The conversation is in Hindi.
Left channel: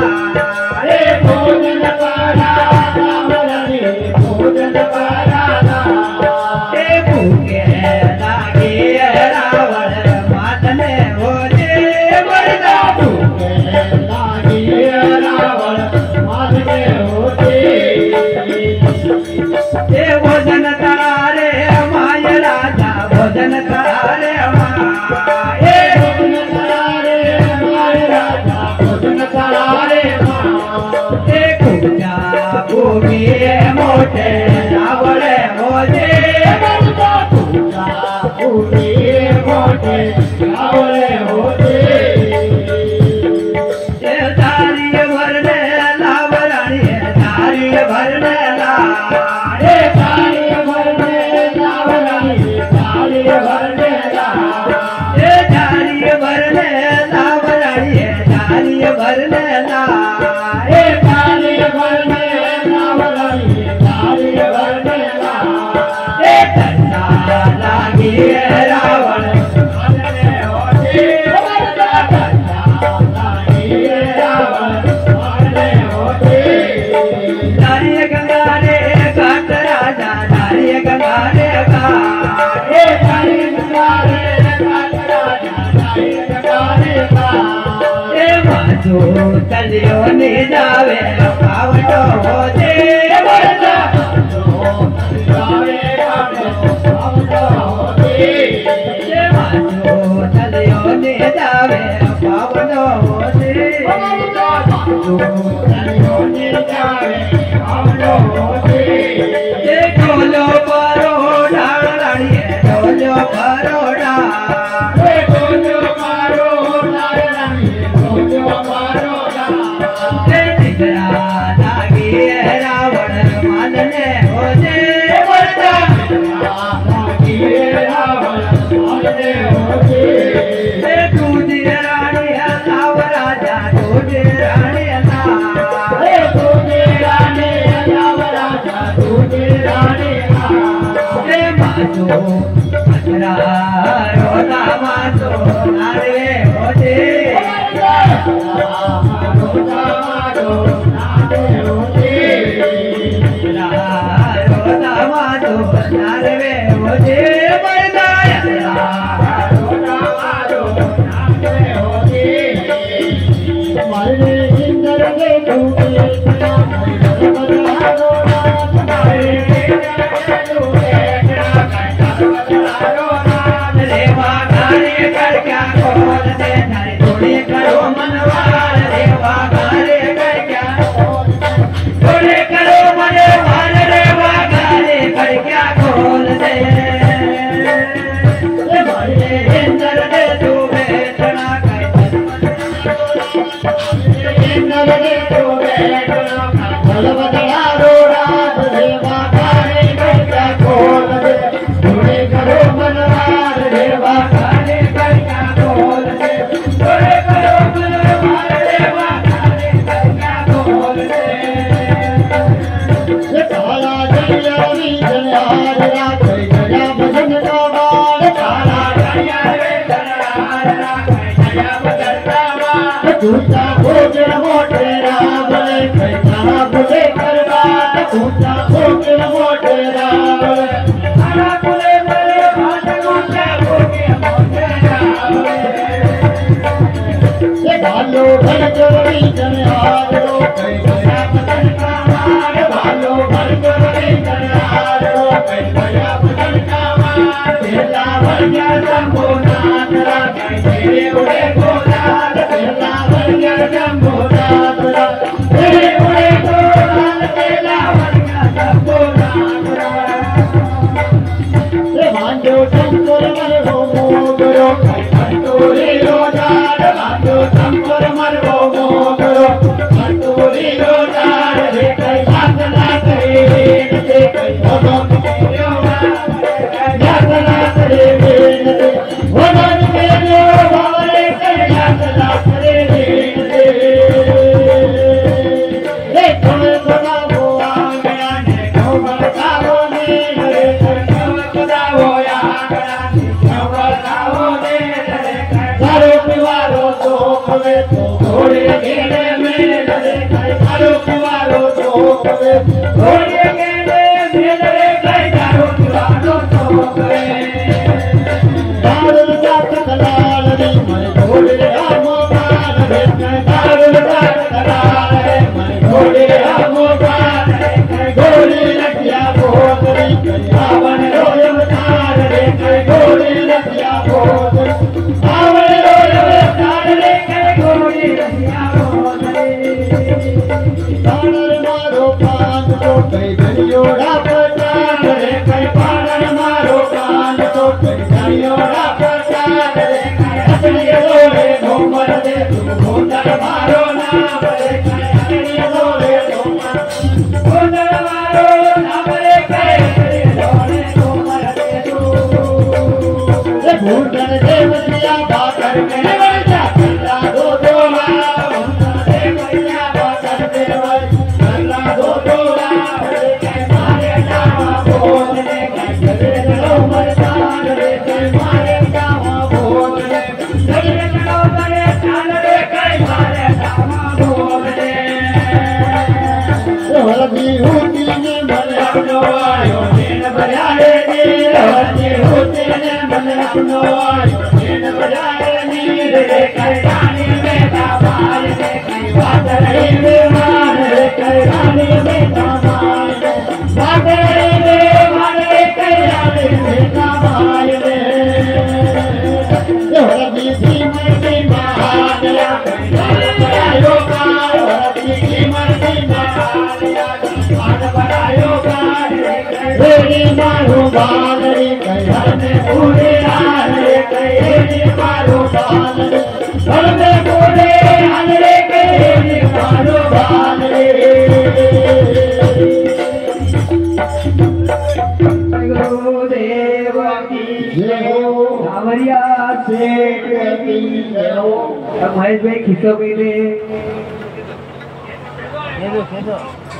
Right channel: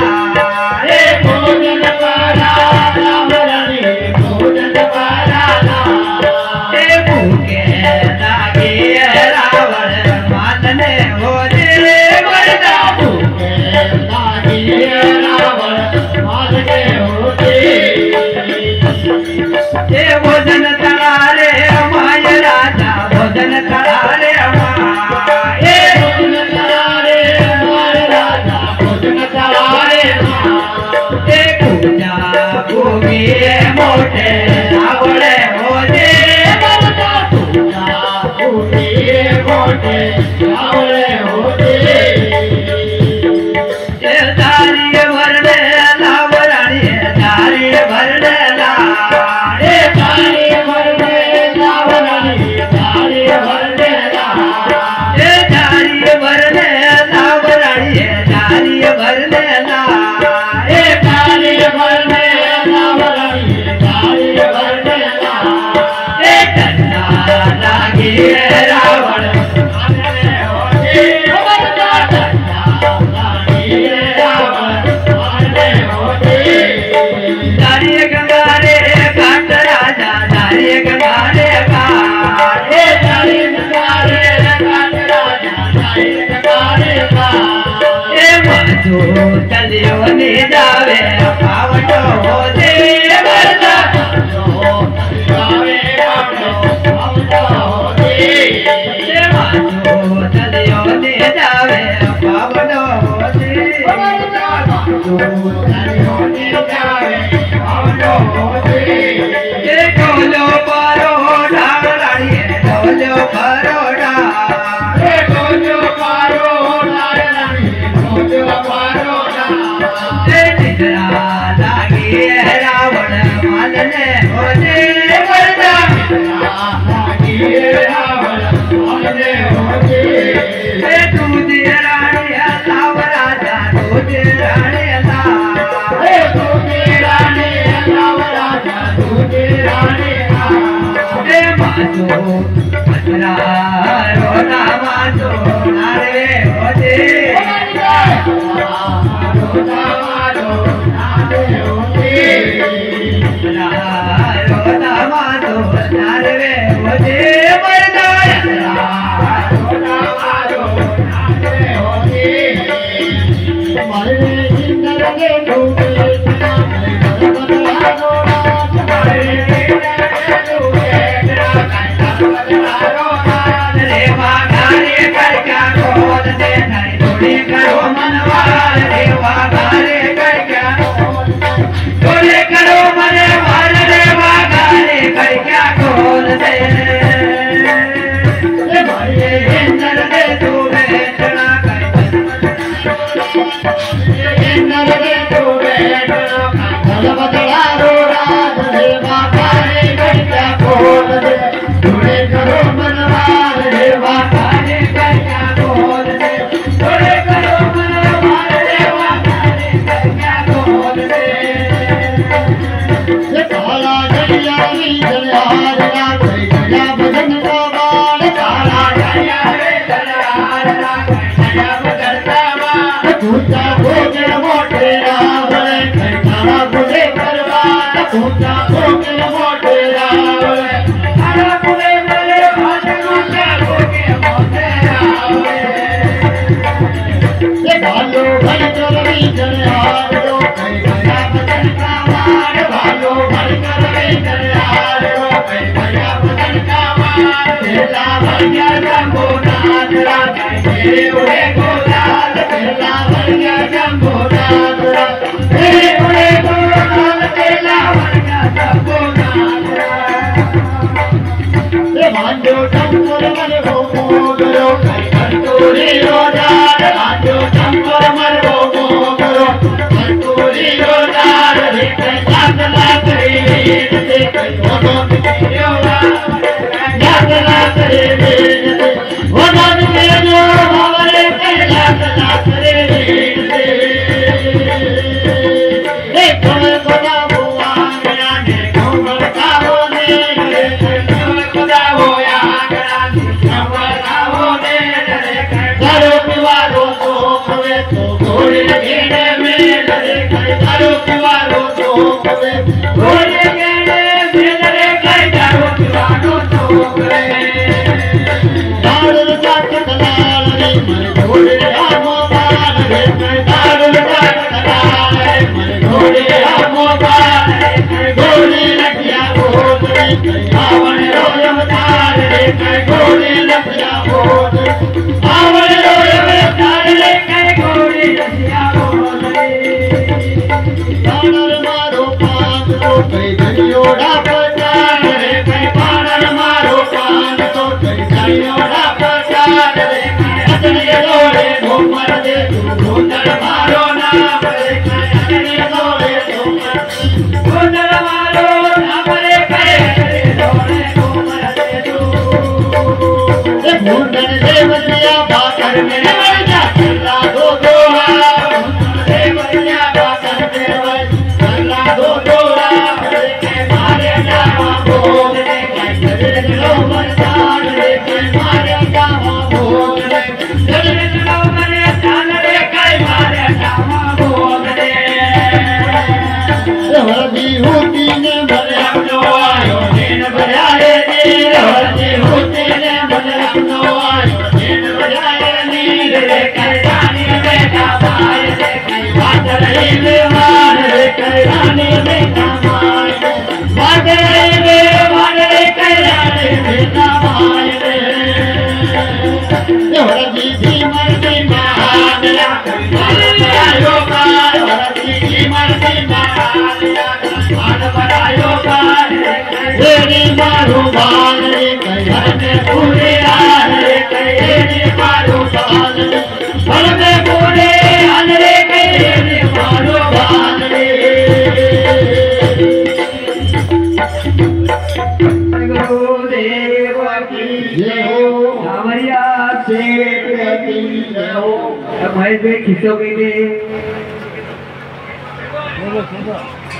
रे भोजन करा राम रानी भोजन करा रे भूखे लागे रावण मातने हो रे मरदा भूखे लागे रावण मातने हो रे भोजन करा रे माय राजा भोजन करा रे माय भोजन करा रे माय राजा भोजन करा रे माय पूजा भूमि मोटे रावण हो जे मरदा पूजा भूमि मोटे रावण हो जे दारी भरने लाव रानी दारी भरने चलियो ने जावे पावटो हो जे मरदा जावे पावटो हो जे चलियो ने जावे पावटो हो जे चलियो ने जावे पावटो हो जे ढोलो परो ढाल रानी ढोलो परो ढाल ढोलो परो ढाल रानी ढोलो परो रावण मालने हो जे मरदा रावण मालने हो जे दूध रानी लाव राजा दूध रानी दूध रानी लाव राजा दूध रानी मातो अतरा रोना मातो नारे हो जे घोड़े घेरे में महेश भाई खिस्सों के लिए